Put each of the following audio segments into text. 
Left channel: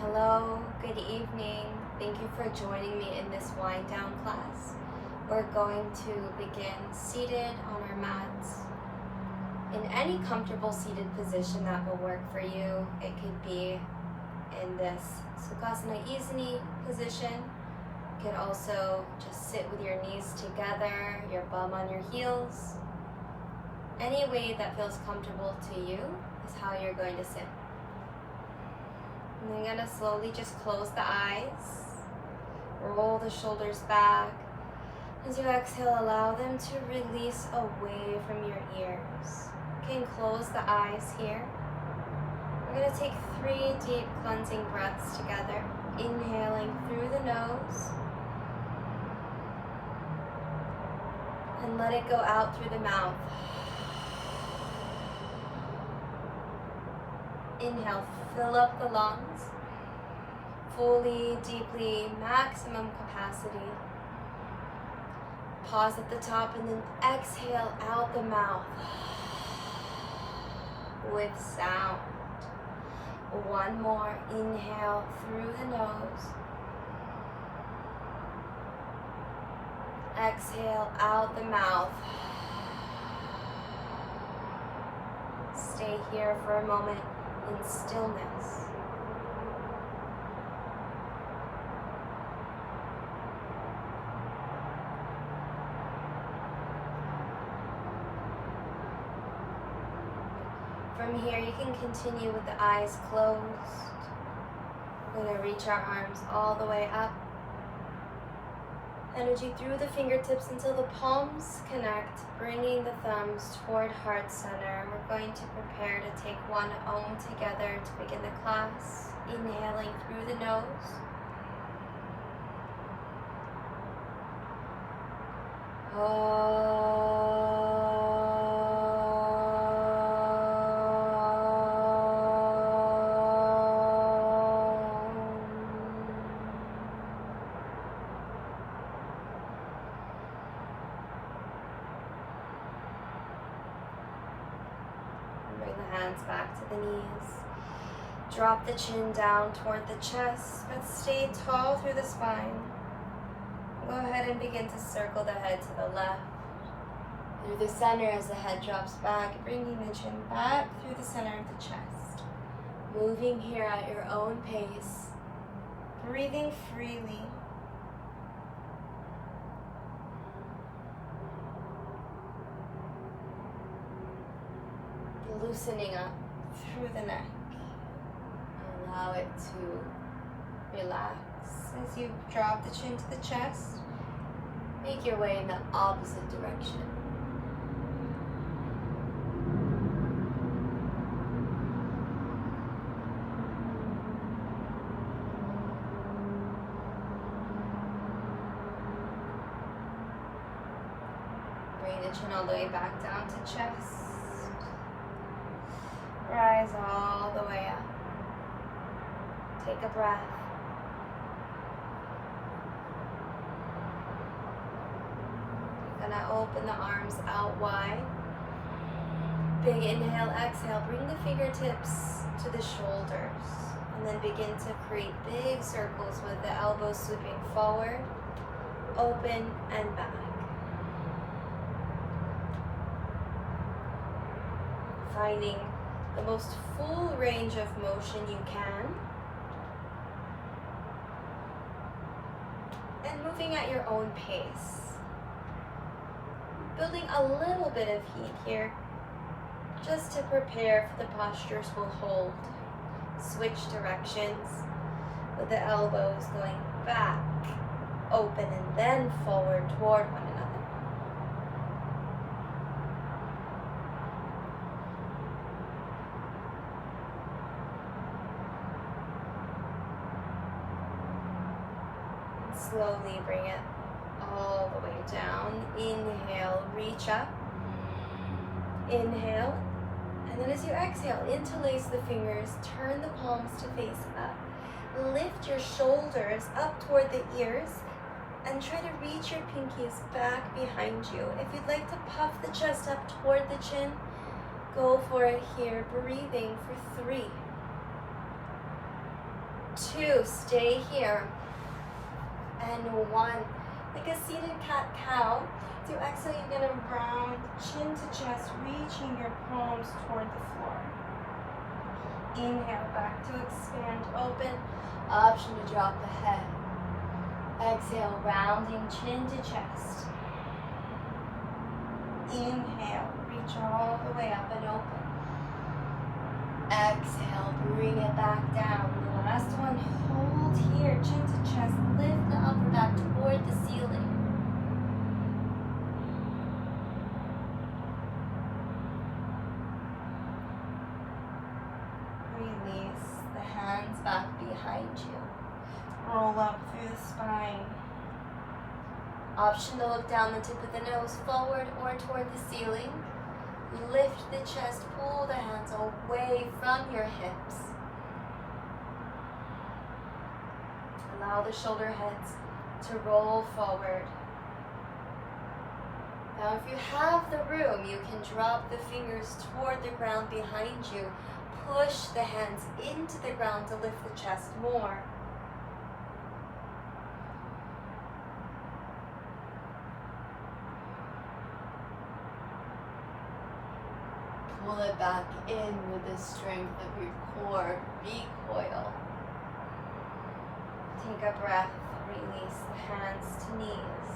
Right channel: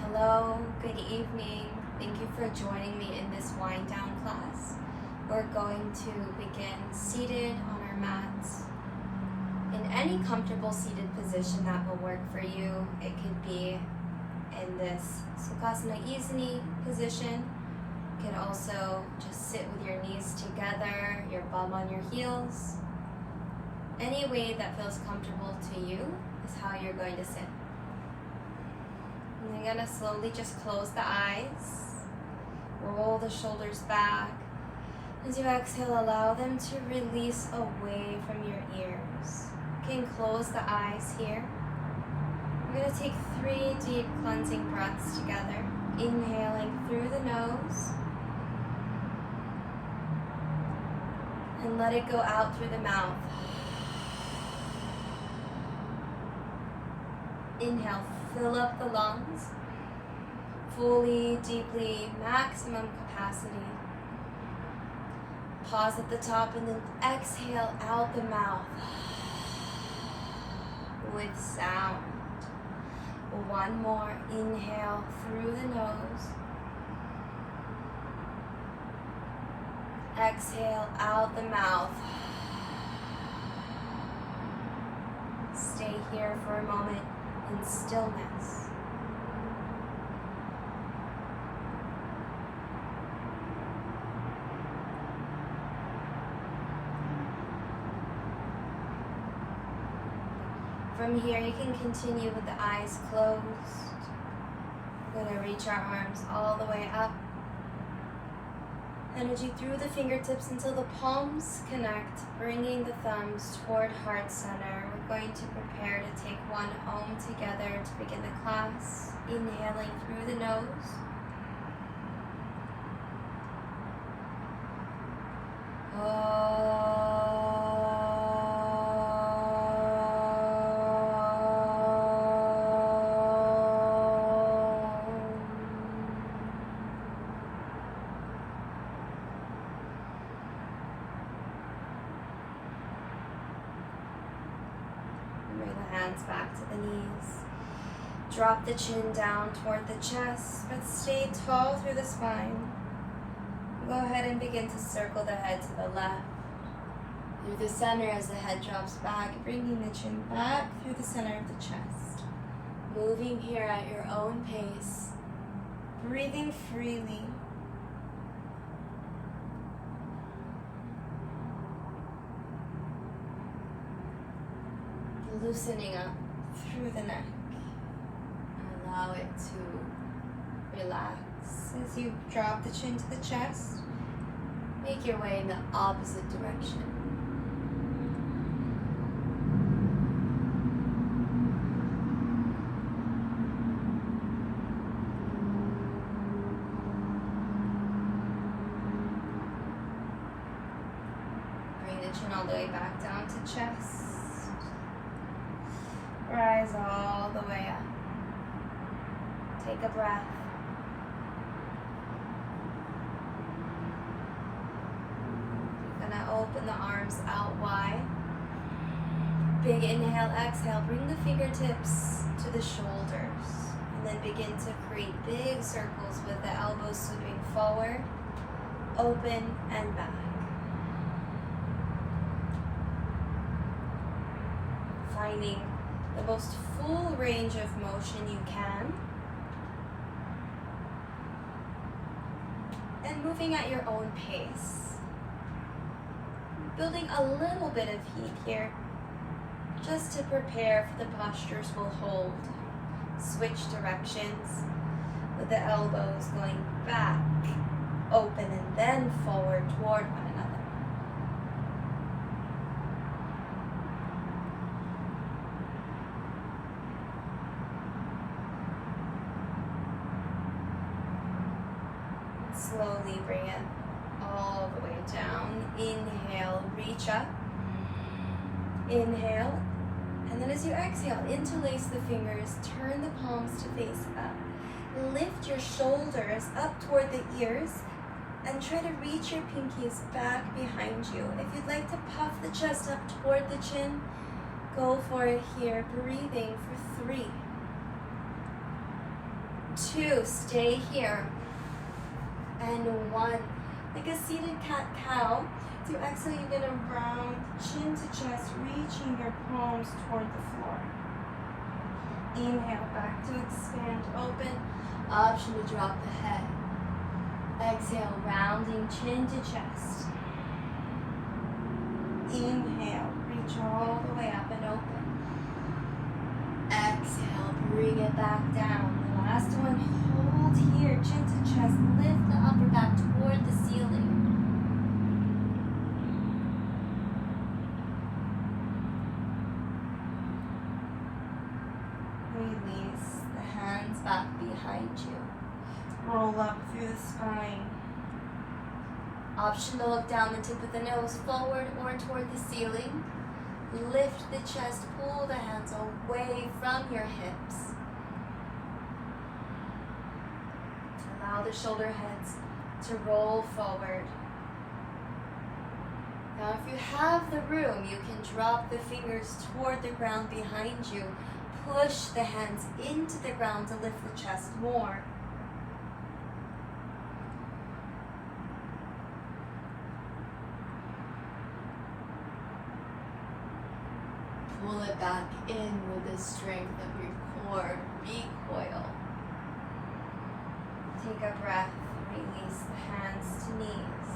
Hello, good evening. Thank you for joining me in this wind down class. We're going to begin seated on our mats in any comfortable seated position that will work for you. It could be in this Sukhasana Isini position. You could also just sit with your knees together, your bum on your heels. Any way that feels comfortable to you is how you're going to sit. And I'm going to slowly just close the eyes, roll the shoulders back. As you exhale, allow them to release away from your ears. You can close the eyes here. We're going to take 3 deep cleansing breaths together. Inhaling through the nose. And let it go out through the mouth. Inhale, fill up the lungs, fully, deeply, maximum capacity. Pause at the top and then exhale out the mouth with sound. One more, inhale through the nose. Exhale out the mouth. Stay here for a moment in stillness. From here, you can continue with the eyes closed. We're going to reach our arms all the way up. Energy through the fingertips until the palms connect, bringing the thumbs toward heart center. We're going to prepare to take one Om together to begin the class. Inhaling through the nose. Bring the hands back to the knees. Drop the chin down toward the chest, but stay tall through the spine. Go ahead and begin to circle the head to the left. Through the center as the head drops back, bringing the chin back through the center of the chest. Moving here at your own pace. Breathing freely. Loosening up through the neck. Allow it to relax as you drop the chin to the chest. Make your way in the opposite direction. Bring the chin all the way back down to chest. Rise all the way up. Take a breath. You're gonna open the arms out wide. Big inhale, exhale. Bring the fingertips to the shoulders. And then begin to create big circles with the elbows sweeping forward, open, and back. Finding the most full range of motion you can. And moving at your own pace. Building a little bit of heat here, just to prepare for the postures will hold. Switch directions with the elbows going back, open, and then forward toward one another. Slowly bring it all the way down. Inhale, reach up. Inhale. And then as you exhale, interlace the fingers, turn the palms to face up. Lift your shoulders up toward the ears and try to reach your pinkies back behind you. If you'd like to puff the chest up toward the chin, go for it here. Breathing for 3, 2, stay here, and 1. Like a seated cat-cow. So exhale, you're gonna round chin to chest, reaching your palms toward the floor. Inhale, back to expand, open. Option to drop the head. Exhale, rounding chin to chest. Inhale, reach all the way up and open. Exhale, bring it back down. The last one, hold here, chin to chest, lift the upper back toward the ceiling. Release the hands back behind you. Roll up through the spine. Option to look down the tip of the nose forward or toward the ceiling. Lift the chest, pull the hands away from your hips. Allow the shoulder heads to roll forward. Now if you have the room, you can drop the fingers toward the ground behind you. Push the hands into the ground to lift the chest more. Pull it back in with the strength of your core. Recoil. Take a breath. Release the hands to knees.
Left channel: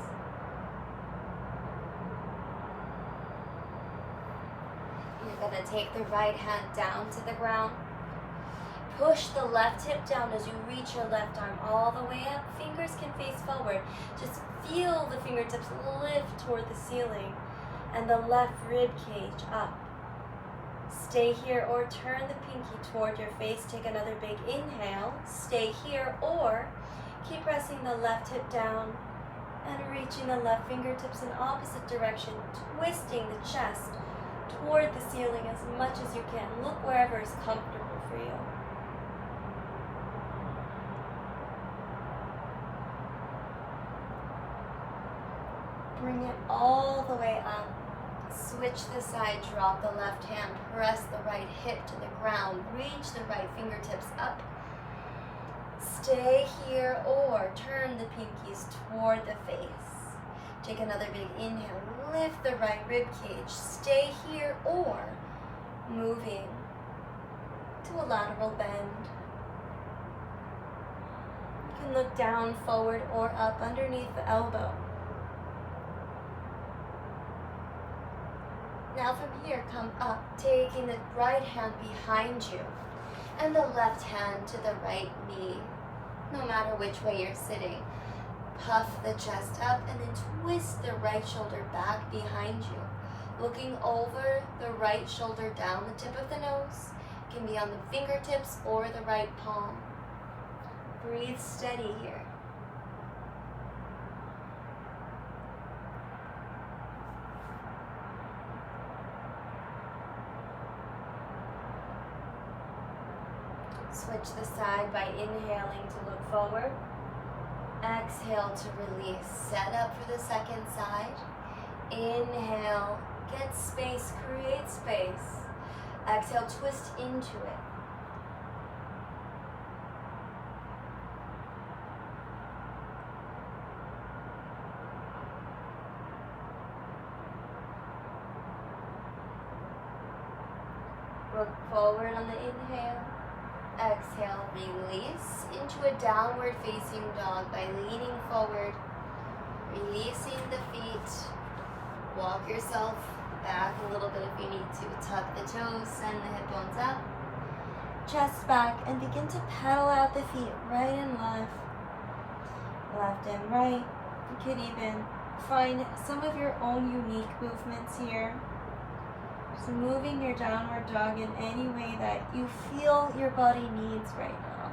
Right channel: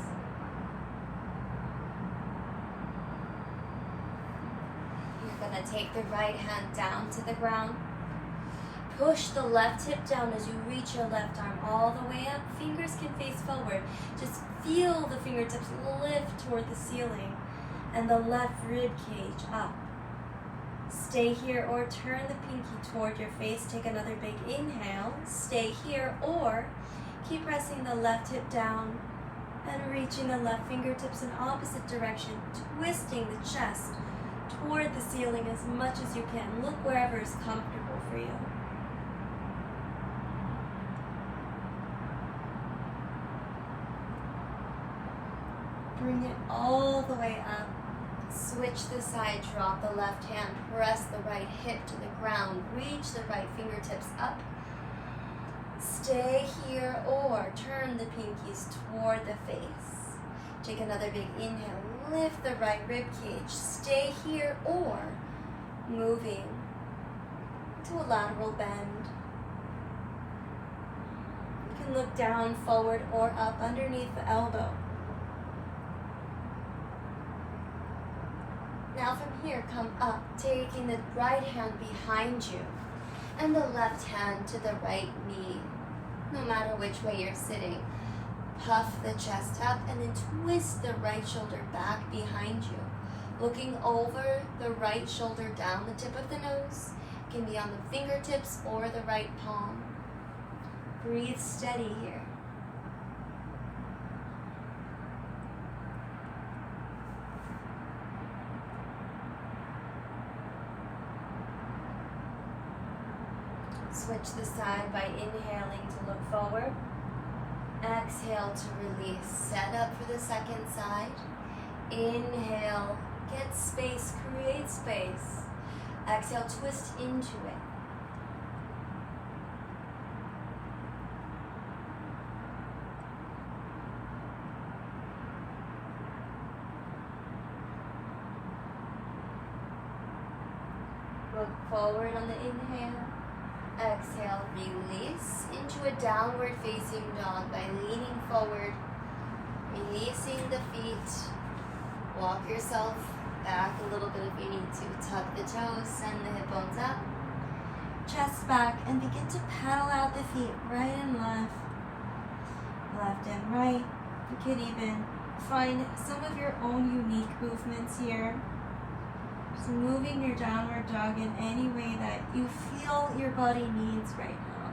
You're going to take the right hand down to the ground. Push the left hip down as you reach your left arm all the way up. Fingers can face forward. Just feel the fingertips lift toward the ceiling and the left rib cage up. Stay here or turn the pinky toward your face. Take another big inhale. Stay here or keep pressing the left hip down and reaching the left fingertips in opposite direction, twisting the chest toward the ceiling as much as you can. Look wherever is comfortable for you. Bring it all the way up. Switch the side, drop the left hand, press the right hip to the ground, reach the right fingertips up. Stay here or turn the pinkies toward the face. Take another big inhale, lift the right rib cage. Stay here or moving to a lateral bend. You can look down, forward, or up underneath the elbow. Now from here, come up, taking the right hand behind you and the left hand to the right knee, no matter which way you're sitting. Puff the chest up and then twist the right shoulder back behind you. Looking over the right shoulder down the tip of the nose. It can be on the fingertips or the right palm. Breathe steady here. Switch the side by inhaling to look forward. Exhale to release. Set up for the second side. Inhale, get space, create space. Exhale, twist into it. Look forward on the inhale. Exhale, release into a downward facing dog by leaning forward, releasing the feet. Walk yourself back a little bit if you need to. Tuck the toes, send the hip bones up. Chest back and begin to pedal out the feet right and left. Left and right. You could even find some of your own unique movements here. So moving your downward dog in any way that you feel your body needs right now.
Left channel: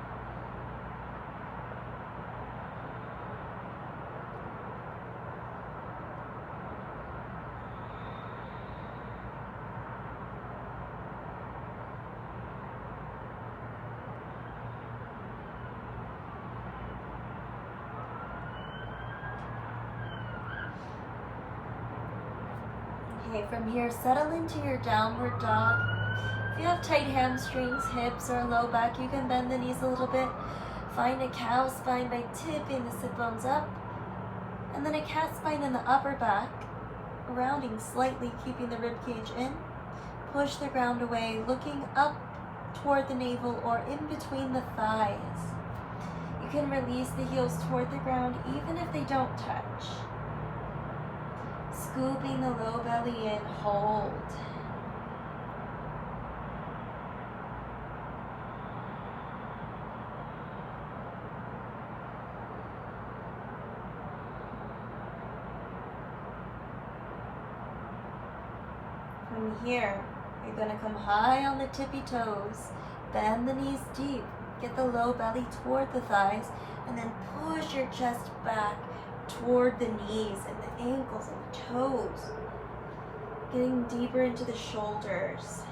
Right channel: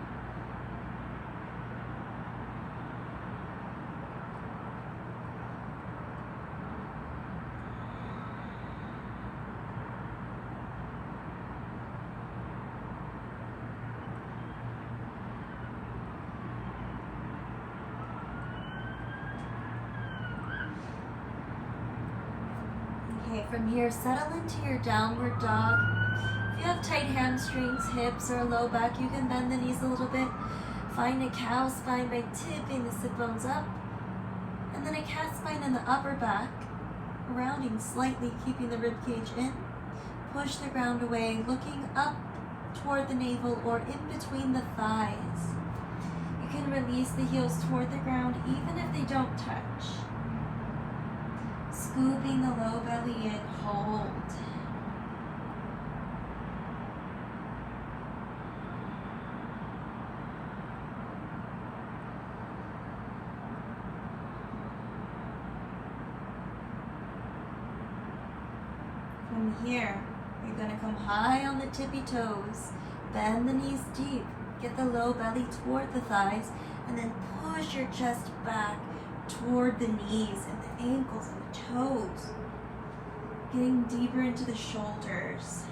Okay, from here, settle into your downward dog. If you have tight hamstrings, hips, or low back, you can bend the knees a little bit. Find a cow spine by tipping the sit bones up, and then a cat spine in the upper back, rounding slightly, keeping the rib cage in. Push the ground away, looking up toward the navel or in between the thighs. You can release the heels toward the ground even if they don't touch. Scooping the low belly in, hold. From here, you're going to come high on the tippy toes, bend the knees deep, get the low belly toward the thighs, and then push your chest back toward the knees and the ankles and the toes, getting deeper into the shoulders.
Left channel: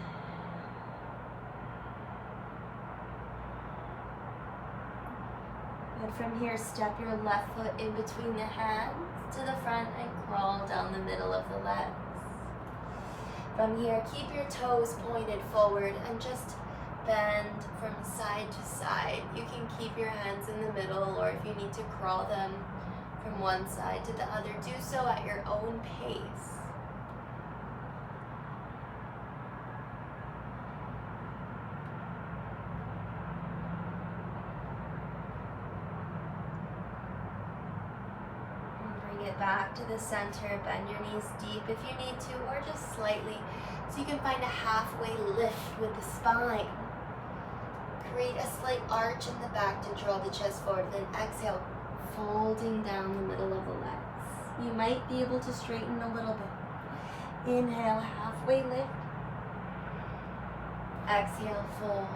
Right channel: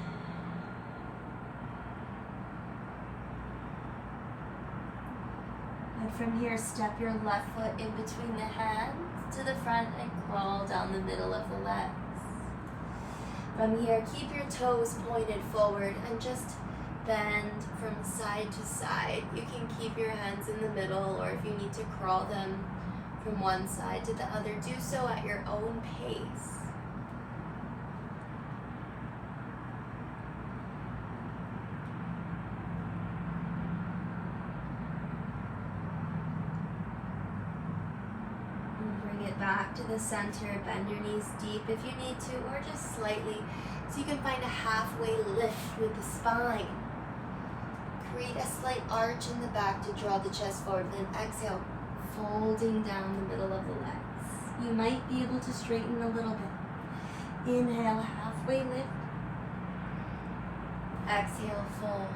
And from here, step your left foot in between the hands to the front and crawl down the middle of the legs. From here, keep your toes pointed forward and just bend from side to side. You can keep your hands in the middle, or if you need to crawl them from one side to the other, do so at your own pace. Back to the center, bend your knees deep if you need to, or just slightly, so you can find a halfway lift with the spine. Create a slight arch in the back to draw the chest forward, then exhale, folding down the middle of the legs. You might be able to straighten a little bit. Inhale, halfway lift. Exhale, fold.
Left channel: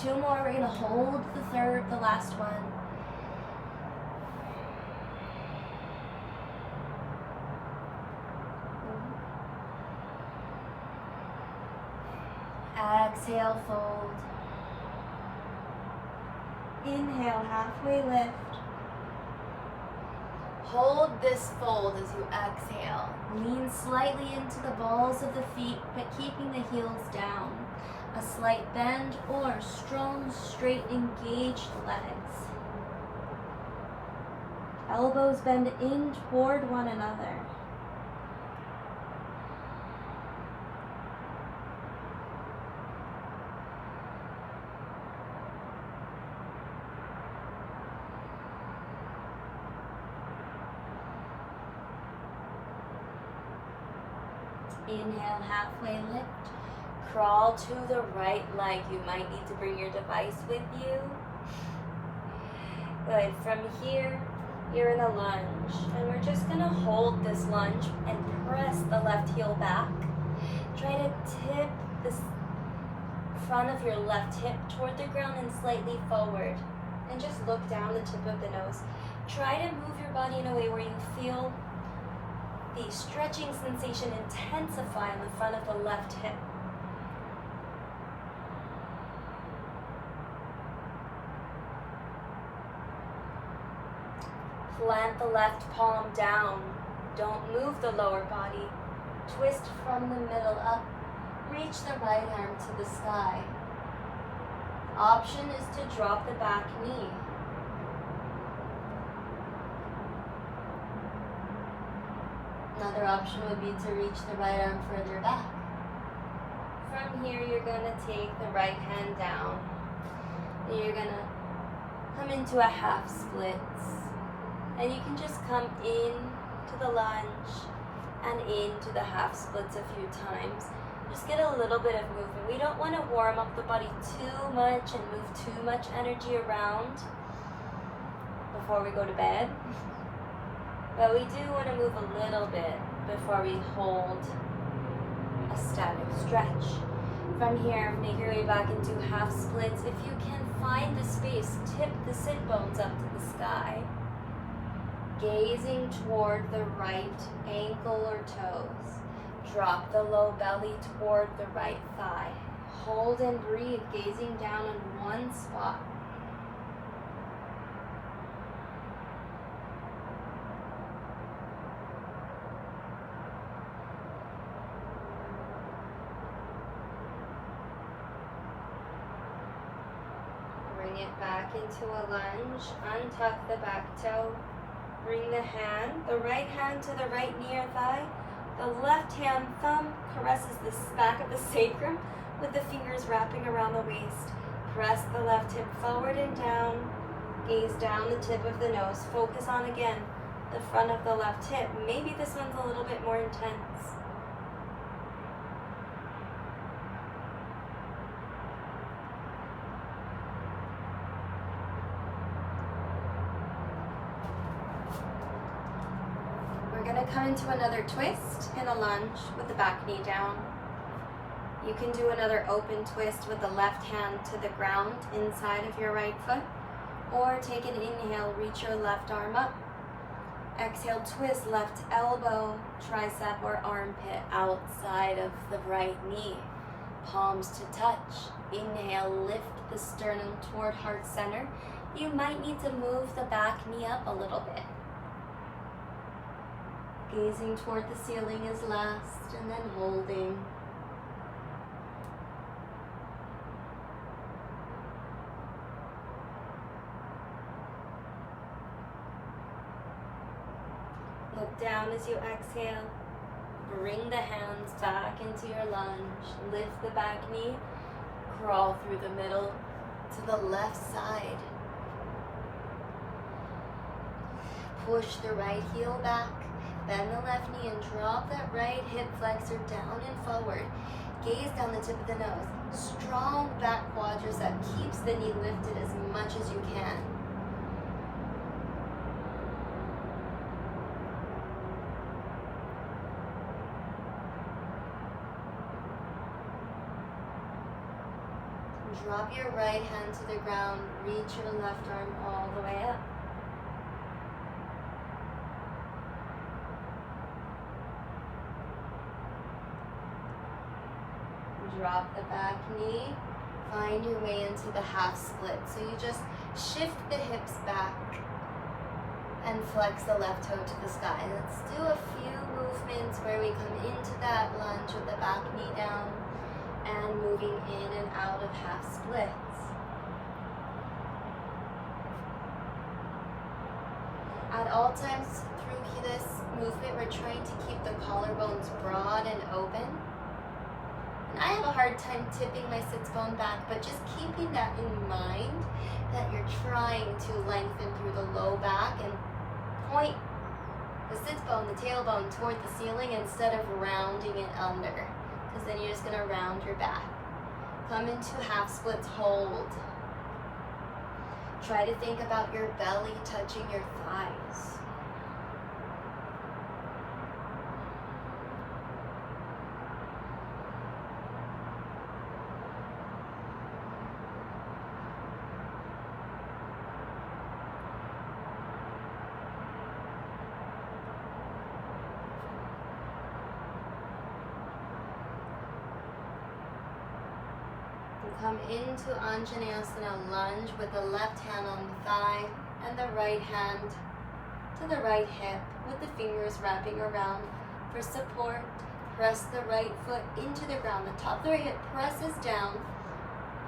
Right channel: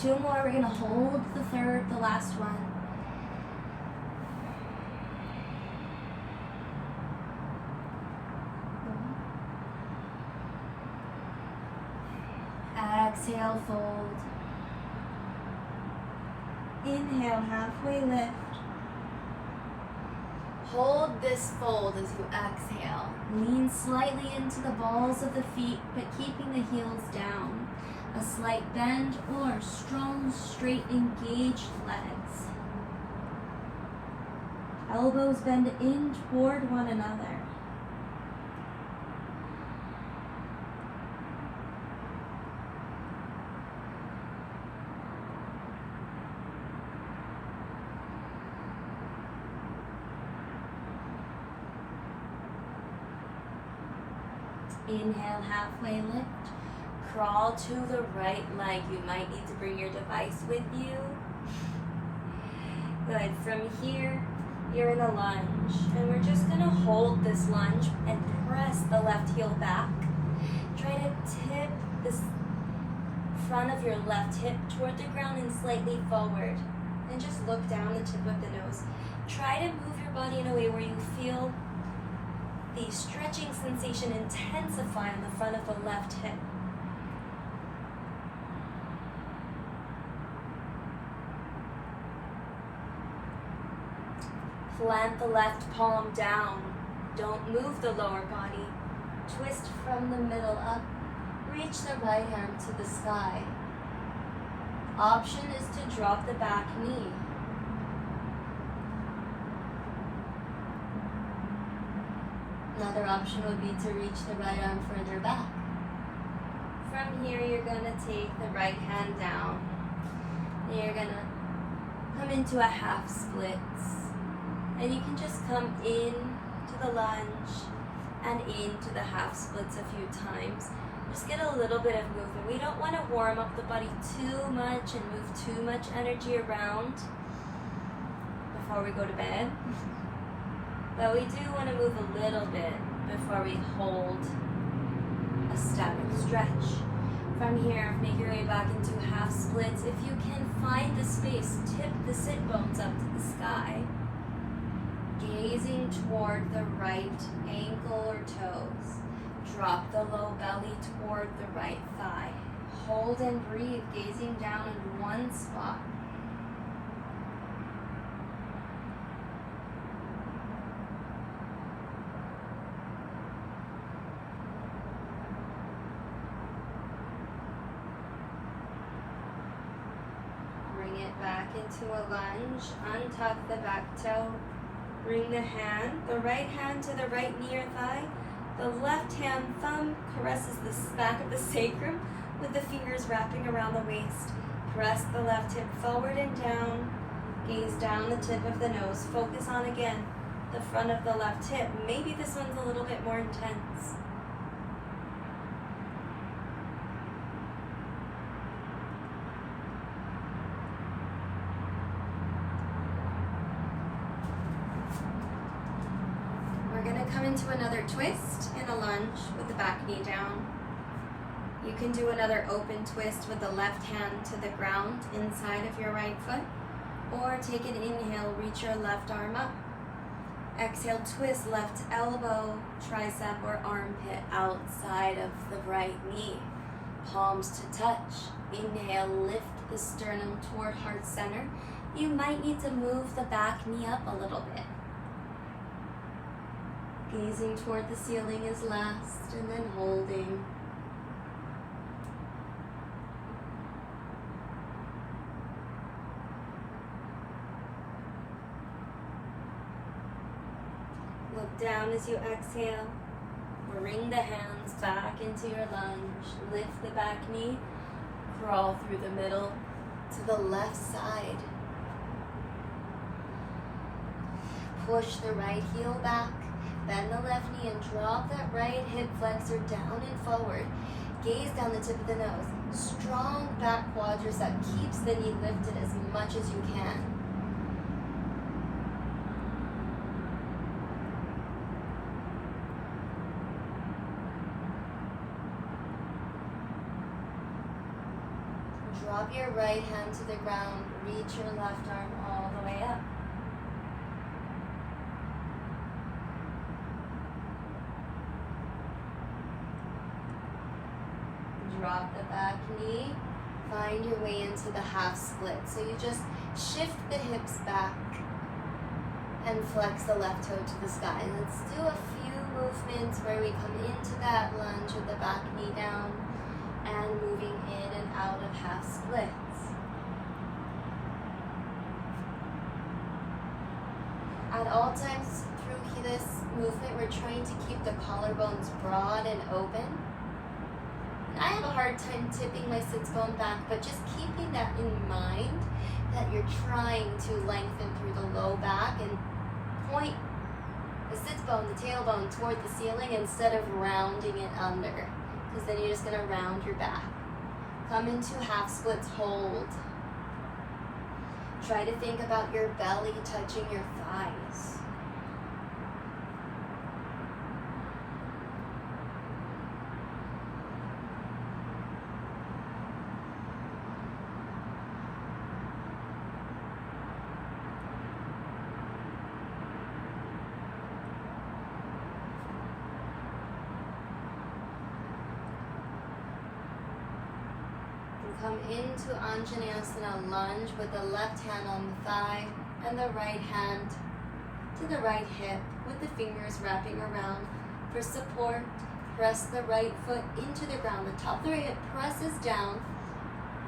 2 more, we're gonna hold the last one. Exhale, fold. Inhale, halfway lift. Hold this fold as you exhale. Lean slightly into the balls of the feet, but keeping the heels down. A slight bend or strong, straight, engaged legs. Elbows bend in toward one another. Inhale, halfway lift. Crawl to the right leg. You might need to bring your device with you. Good. From here, you're in a lunge. And we're just going to hold this lunge and press the left heel back. Try to tip the front of your left hip toward the ground and slightly forward. And just look down the tip of the nose. Try to move your body in a way where you feel the stretching sensation intensify on the front of the left hip. Plant the left palm down. Don't move the lower body. Twist from the middle up. Reach the right arm to the sky. Option is to drop the back knee. Another option would be to reach the right arm further back. From here, you're going to take the right hand down. And you're going to come into a half splits. And you can just come in to the lunge and into the half splits a few times. Just get a little bit of movement. We don't want to warm up the body too much and move too much energy around before we go to bed. But we do want to move a little bit before we hold a static stretch. From here, make your way back into half splits. If you can find the space, tip the sit bones up to the sky. Gazing toward the right ankle or toes. Drop the low belly toward the right thigh. Hold and breathe, gazing down in one spot. back into a lunge. Untuck the back toe. Bring the right hand to the right knee or thigh. The left hand thumb caresses the back of the sacrum with the fingers wrapping around the waist. Press the left hip forward and down. Gaze down the tip of the nose. Focus on, again, the front of the left hip. Maybe this one's a little bit more intense. We're going to come into another twist in a lunge with the back knee down. You can do another open twist with the left hand to the ground inside of your right foot, or take an inhale, reach your left arm up. Exhale, twist left elbow, tricep or armpit outside of the right knee. Palms to touch. Inhale, lift the sternum toward heart center. You might need to move the back knee up a little bit. Gazing toward the ceiling is last, and then holding. Look down as you exhale. Bring the hands back into your lunge. Lift the back knee. Crawl through the middle to the left side. Push the right heel back. Bend the left knee and drop that right hip flexor down and forward. Gaze down the tip of the nose. Strong back quadricep keeps the knee lifted as much as you can. Drop your right hand to the ground. Reach your left arm all the way up. Drop the back knee, find your way into the half split. So you just shift the hips back and flex the left toe to the sky. Let's do a few movements where we come into that lunge with the back knee down and moving in and out of half splits. At all times through this movement, we're trying to keep the collarbones broad and open. I have a hard time tipping my sits bone back, but just keeping that in mind, that you're trying to lengthen through the low back and point the sits bone, the tailbone toward the ceiling instead of rounding it under, because then you're just going to round your back. Come into half splits, hold. Try to think about your belly touching your thighs. Come into Anjaneyasana lunge with the left hand on the thigh and the right hand to the right hip with the fingers wrapping around. For support, press the right foot into the ground. The top of the right hip presses down,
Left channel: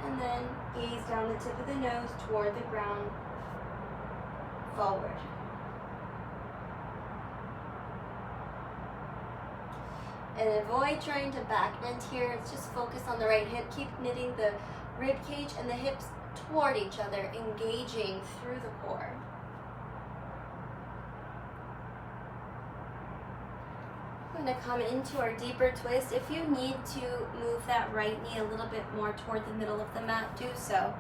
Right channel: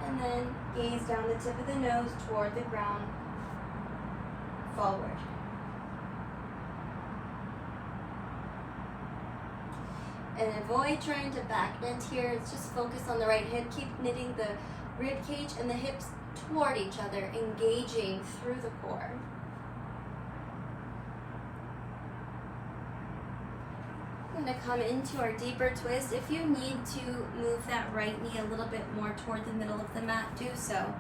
and then gaze down the tip of the nose toward the ground, forward. And avoid trying to back bend here. It's just focus on the right hip. Keep knitting the rib cage and the hips toward each other, engaging through the core. We're going to come into our deeper twist. If you need to move that right knee a little bit more toward the middle of the mat, do so.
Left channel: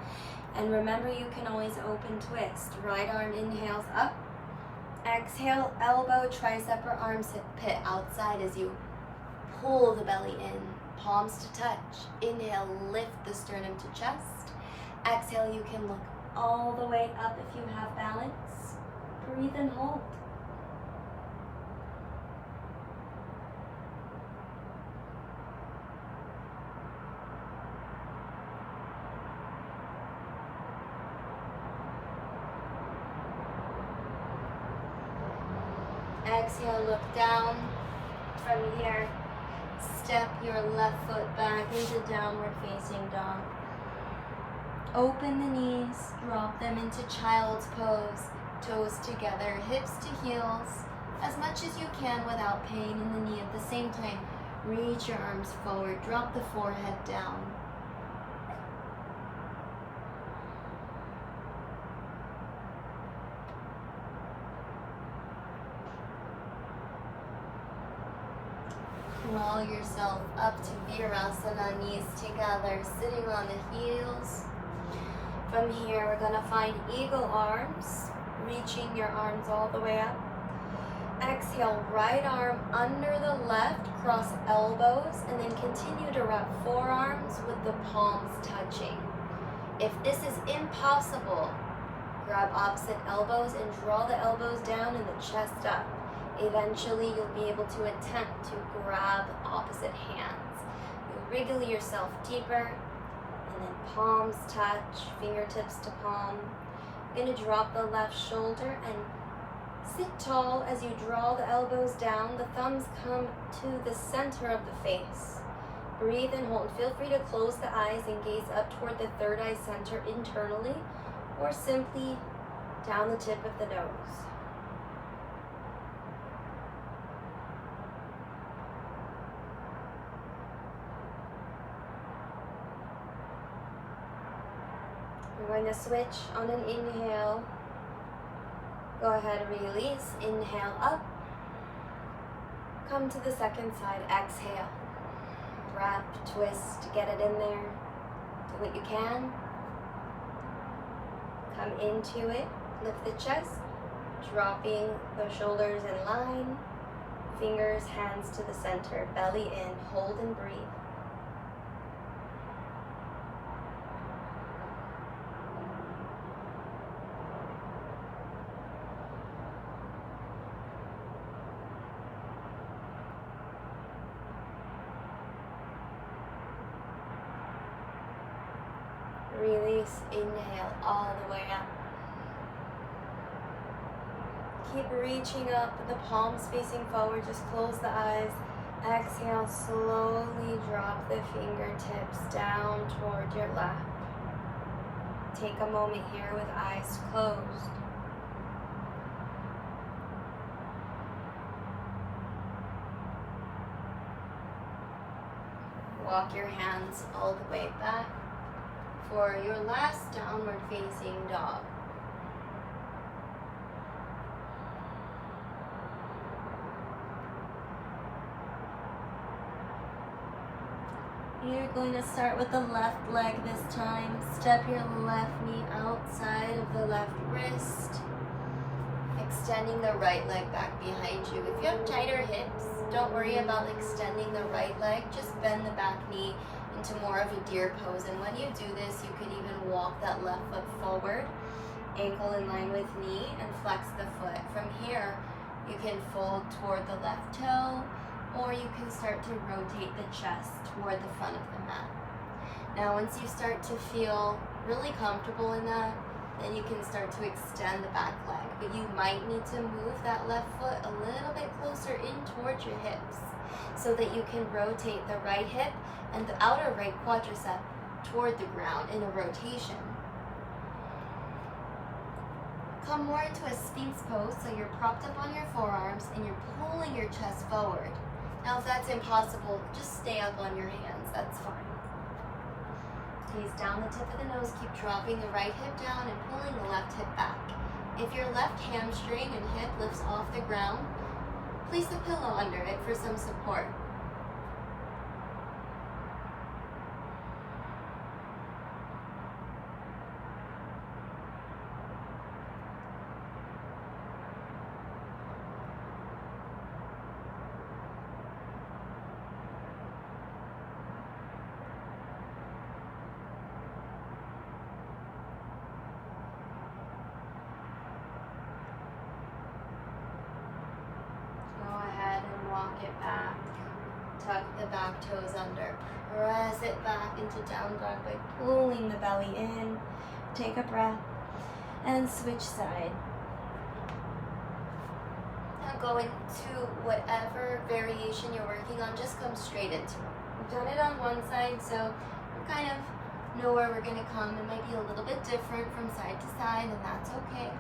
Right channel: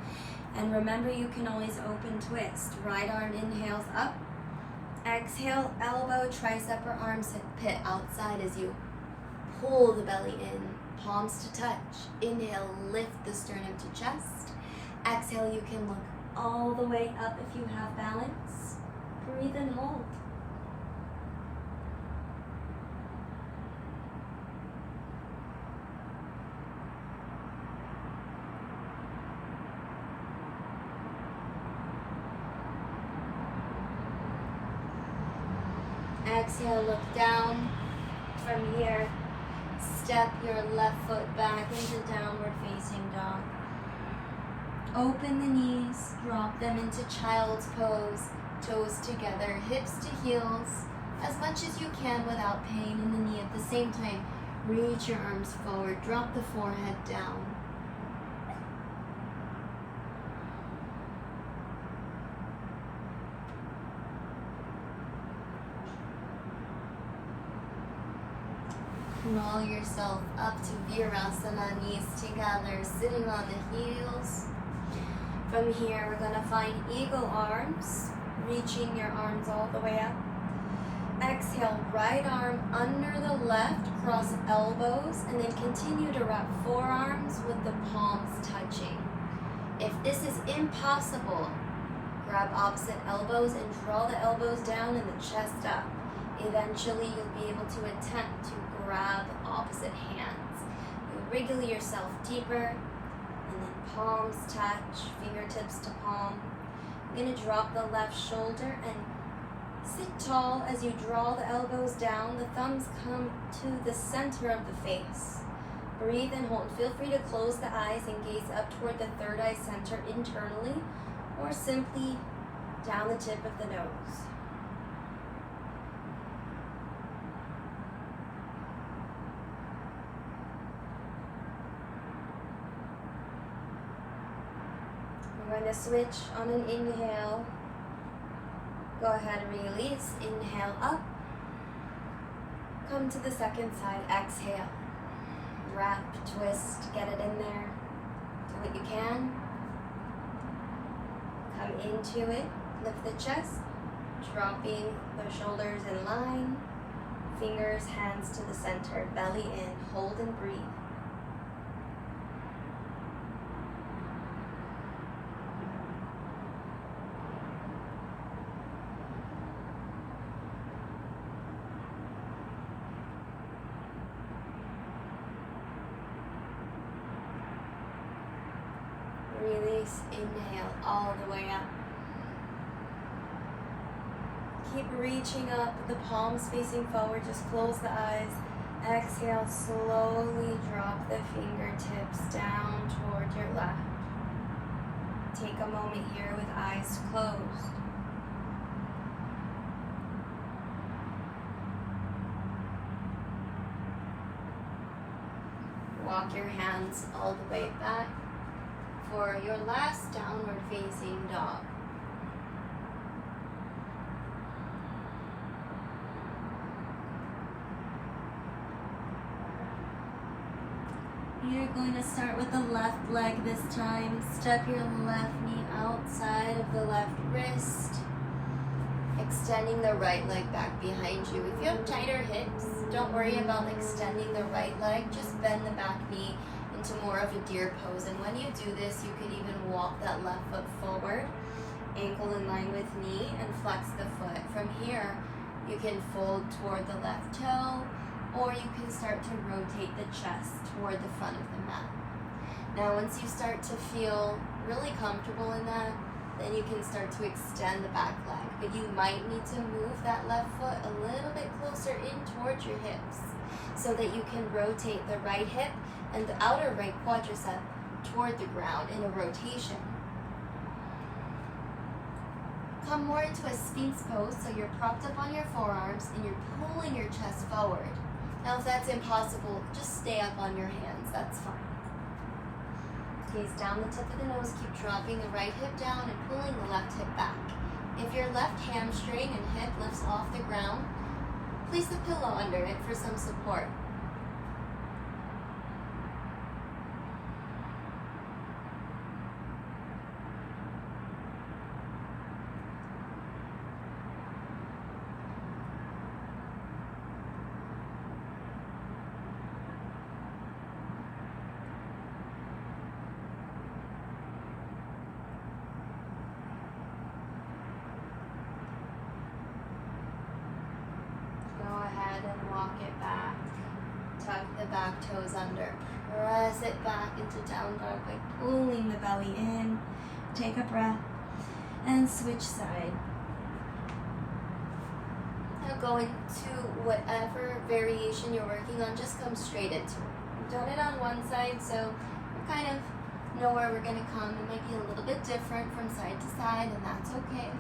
And remember, you can always open twist. Right arm inhales up. Exhale, elbow, tricep, or armpit outside as you pull the belly in, palms to touch. Inhale, lift the sternum to chest. Exhale, you can look all the way up if you have balance. Breathe and hold. Exhale, look down. From here, step your left foot back into downward facing dog. Open the knees, drop them into child's pose, toes together, hips to heels, as much as you can without pain in the knee. At the same time, reach your arms forward, drop the forehead down. Roll yourself up to Virasana, knees together, sitting on the heels. From here, we're gonna find eagle arms, reaching your arms all the way up. Exhale, right arm under the left, cross elbows, and then continue to wrap forearms with the palms touching. If this is impossible, grab opposite elbows and draw the elbows down and the chest up. Eventually, you'll be able to attempt to grab opposite hands. You wriggle yourself deeper, and then palms touch, fingertips to palm. You're gonna drop the left shoulder and sit tall as you draw the elbows down. The thumbs come to the center of the face. Breathe and hold. Feel free to close the eyes and gaze up toward the third eye center internally, or simply down the tip of the nose. We're going to switch on an inhale. Go ahead and release. Inhale up. Come to the second side. Exhale. Wrap, twist, get it in there. Do what you can. Come into it. Lift the chest. Dropping the shoulders in line. Fingers, hands to the center. Belly in. Hold and breathe. Release, inhale all the way up. Keep reaching up with the palms facing forward, just close the eyes. Exhale, slowly drop the fingertips down toward your lap. Take a moment here with eyes closed. Walk your hands all the way back for your last downward facing dog. You're going to start with the left leg this time. Step your left knee outside of the left wrist, extending the right leg back behind you. If you have tighter hips, don't worry about extending the right leg. Just bend the back knee into more of a deer pose. And when you do this, you can even walk that left foot forward, ankle in line with knee, and flex the foot. From here, you can fold toward the left toe, or you can start to rotate the chest toward the front of the mat. Now, once you start to feel really comfortable in that, then you can start to extend the back leg. But you might need to move that left foot a little bit closer in towards your hips so that you can rotate the right hip and the outer right quadricep toward the ground in a rotation. Come more into a Sphinx pose, so you're propped up on your forearms and you're pulling your chest forward. Now, if that's impossible, just stay up on your hands, that's fine. Gaze down the tip of the nose, keep dropping the right hip down and pulling the left hip back. If your left hamstring and hip lifts off the ground, place a pillow under it for some support. Walk it back, tuck the back toes under, press it back into down dog by pulling the belly in. Take a breath and switch side. Now go into whatever variation you're working on, just come straight into it. You've done it on one side, so you're kind of know where we're going to come. It might be a little bit different from side to side, and that's okay.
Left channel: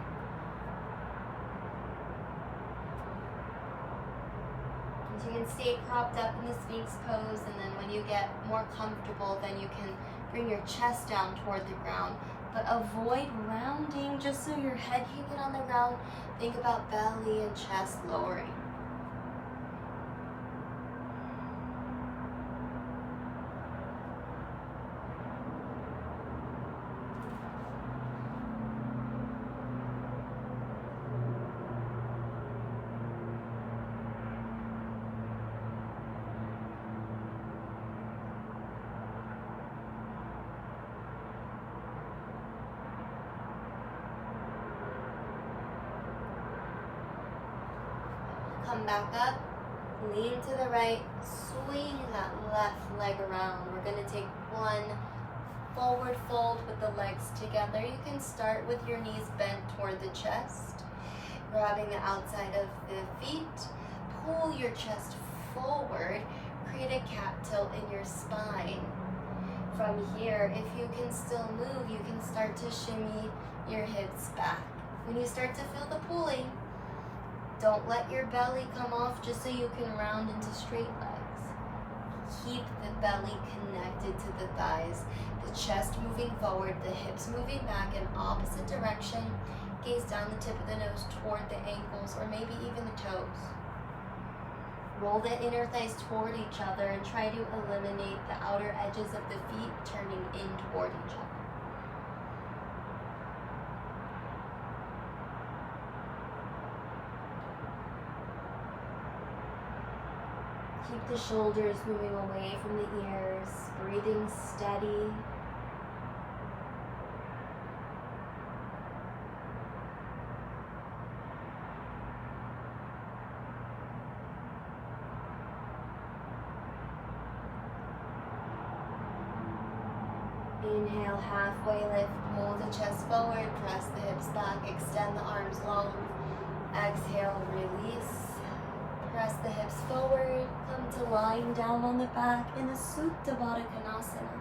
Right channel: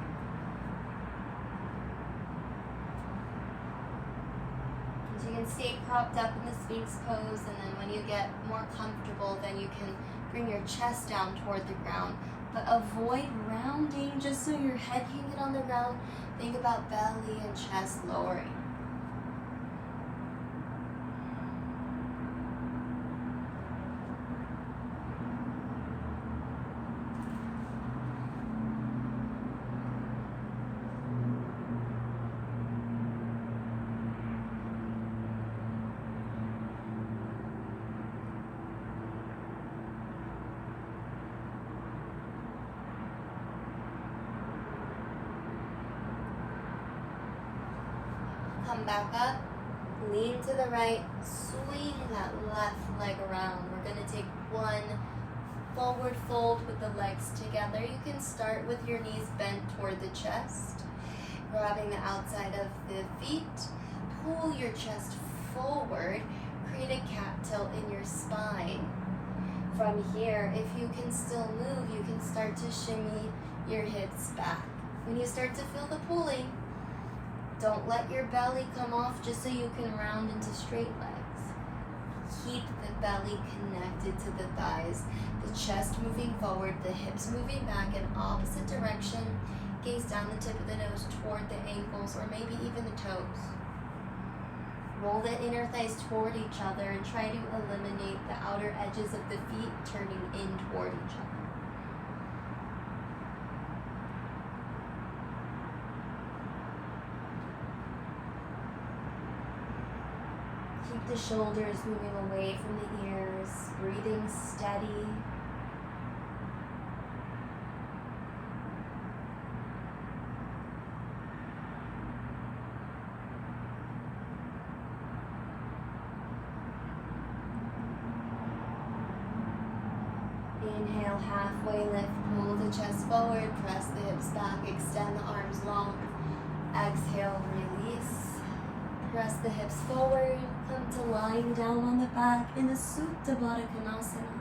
So you can stay propped up in the Sphinx pose, and then when you get more comfortable, then you can bring your chest down toward the ground. But avoid rounding, just so your head can get on the ground. Think about belly and chest lowering. Come back up, lean to the right, swing that left leg around. We're going to take one forward fold with the legs together. You can start with your knees bent toward the chest, grabbing the outside of the feet. Pull your chest forward, create a cat tilt in your spine. From here, if you can still move, you can start to shimmy your hips back. When you start to feel the pulling, don't let your belly come off just so you can round into straight legs. Keep the belly connected to the thighs, the chest moving forward, the hips moving back in opposite direction. Gaze down the tip of the nose toward the ankles or maybe even the toes. Roll the inner thighs toward each other and try to eliminate the outer edges of the feet turning in toward each other. Keep the shoulders moving away from the ears, breathing steady. Inhale, halfway lift, pull the chest forward, press the hips back, extend the arms long. Exhale, release. Press the hips forward, come to lying down on the back in a Supta Baddha Konasana.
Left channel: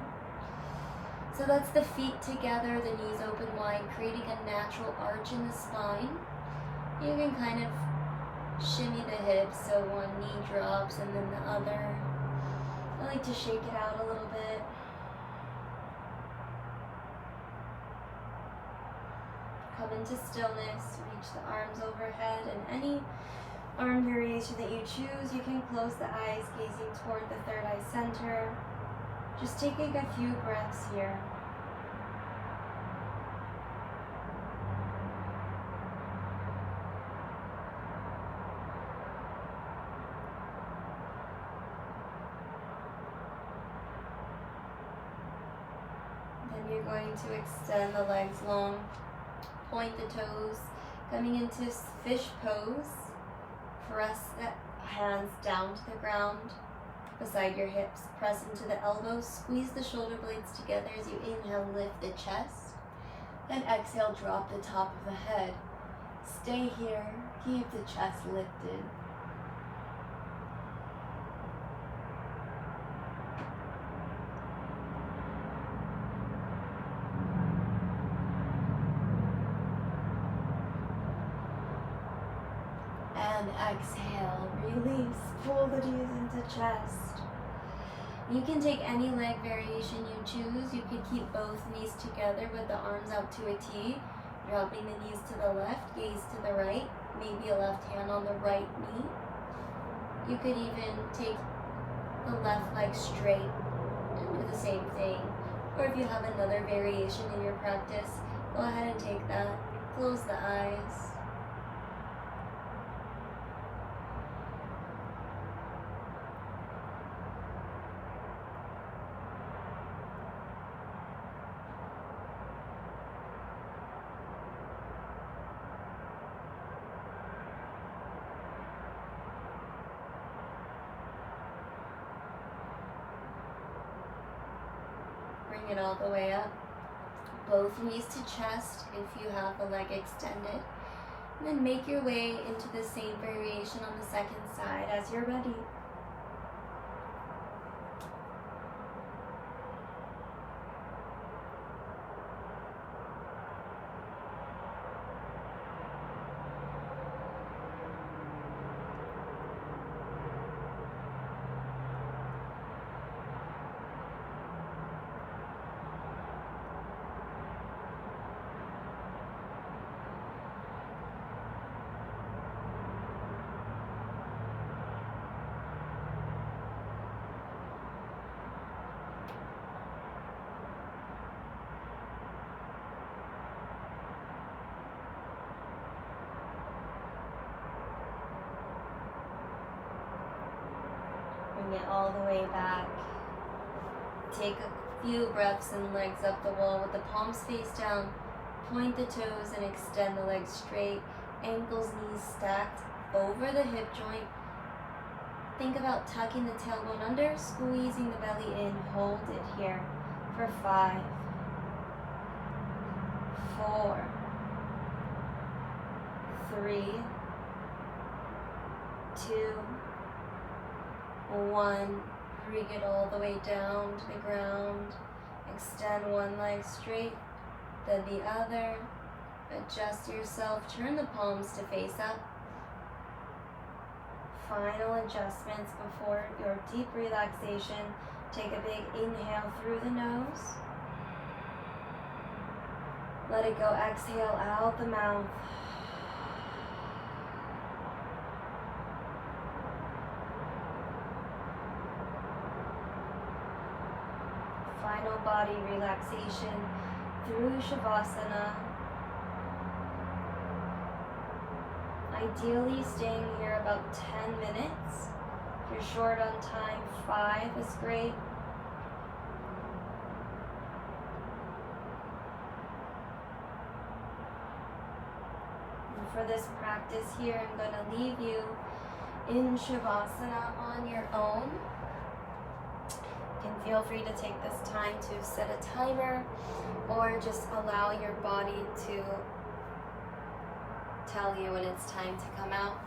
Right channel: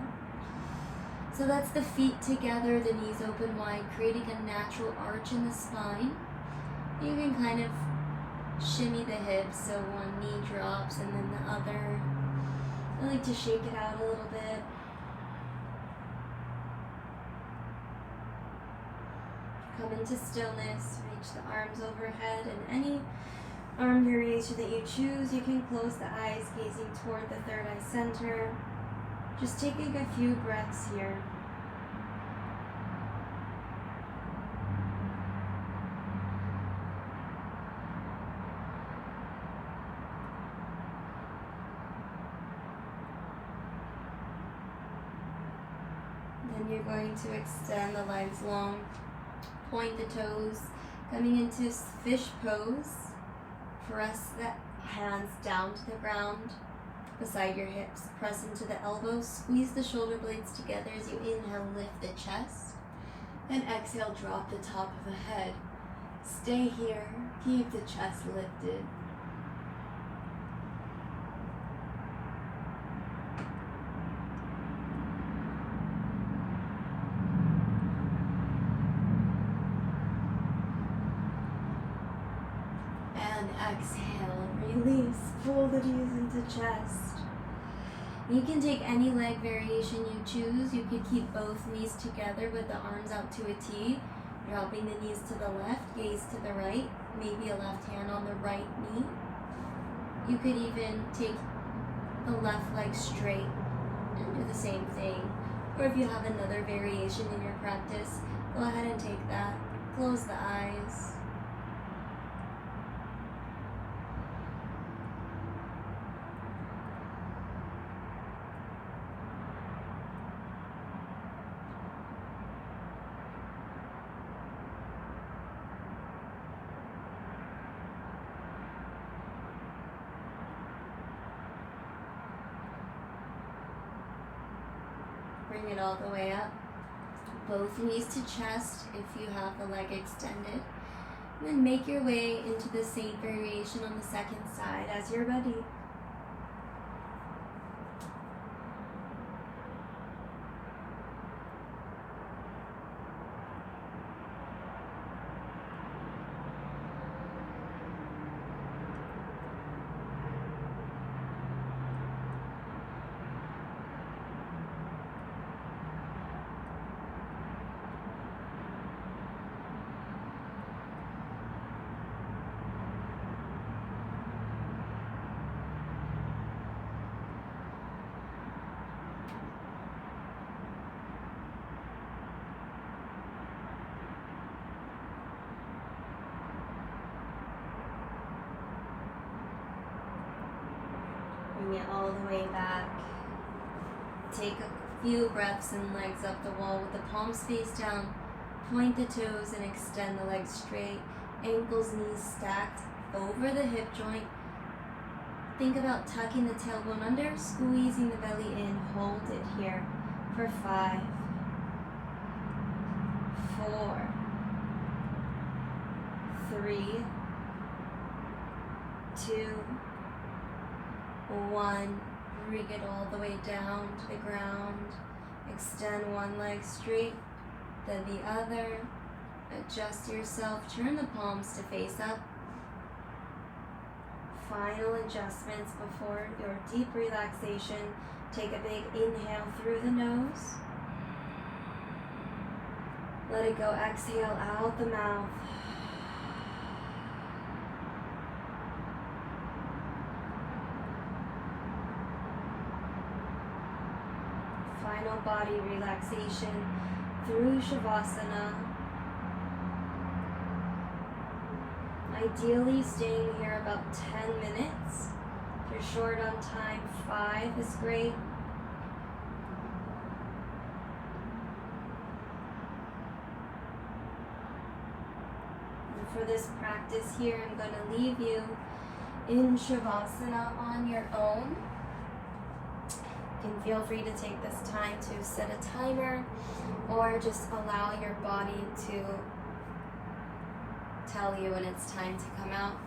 So that's the feet together, the knees open wide, creating a natural arch in the spine. You can kind of shimmy the hips, so one knee drops and then the other. I like to shake it out a little bit. Come into stillness, reach the arms overhead, and any arm variation that you choose. You can close the eyes, gazing toward the third eye center. Just taking a few breaths here. Then you're going to extend the legs long, point the toes, coming into fish pose. Press the hands down to the ground beside your hips. Press into the elbows. Squeeze the shoulder blades together as you inhale, lift the chest. And exhale, drop the top of the head. Stay here. Keep the chest lifted. And exhale, release, pull the knees into chest. You can take any leg variation you choose. You could keep both knees together with the arms out to a T, dropping the knees to the left, gaze to the right, maybe a left hand on the right knee. You could even take the left leg straight and do the same thing. Or if you have another variation in your practice, go ahead and take that. Close the eyes. Bring it all the way up. Both knees to chest if you have the leg extended. And then make your way into the same variation on the second side as you're ready. bring it all the way back. Take a few breaths and legs up the wall with the palms face down. Point the toes and extend the legs straight. Ankles, knees stacked over the hip joint. Think about tucking the tailbone under, squeezing the belly in. Hold it here for 5, 4, 3, 2, 1. Bring it all the way down to the ground. Extend one leg straight, then the other. Adjust yourself. Turn the palms to face up. Final adjustments before your deep relaxation. Take a big inhale through the nose. Let it go. Exhale out the mouth. Final body relaxation through Shavasana. Ideally staying here about 10 minutes. If you're short on time, 5 is great. And for this practice here, I'm going to leave you in Shavasana on your own. You can feel free to take this time to set a timer or just allow your body to tell you when it's time to come out.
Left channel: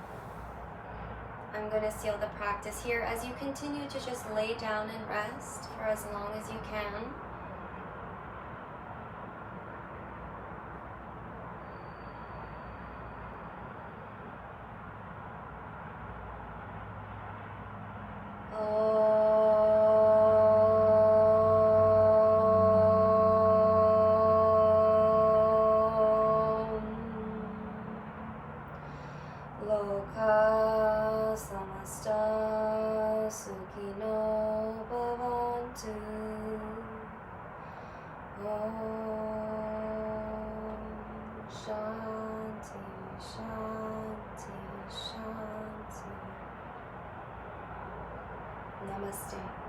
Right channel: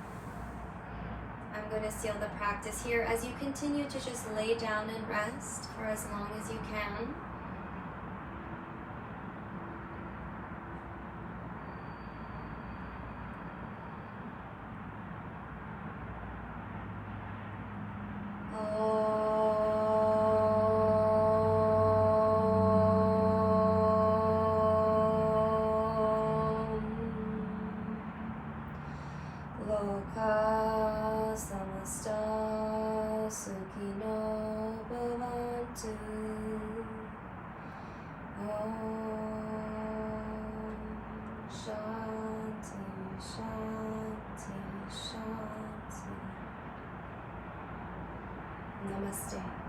I'm going to seal the practice here as you continue to just lay down and rest for as long as you can. Loka samasta sukhino bhavantu. Shanti, shanti, shanti. Namaste.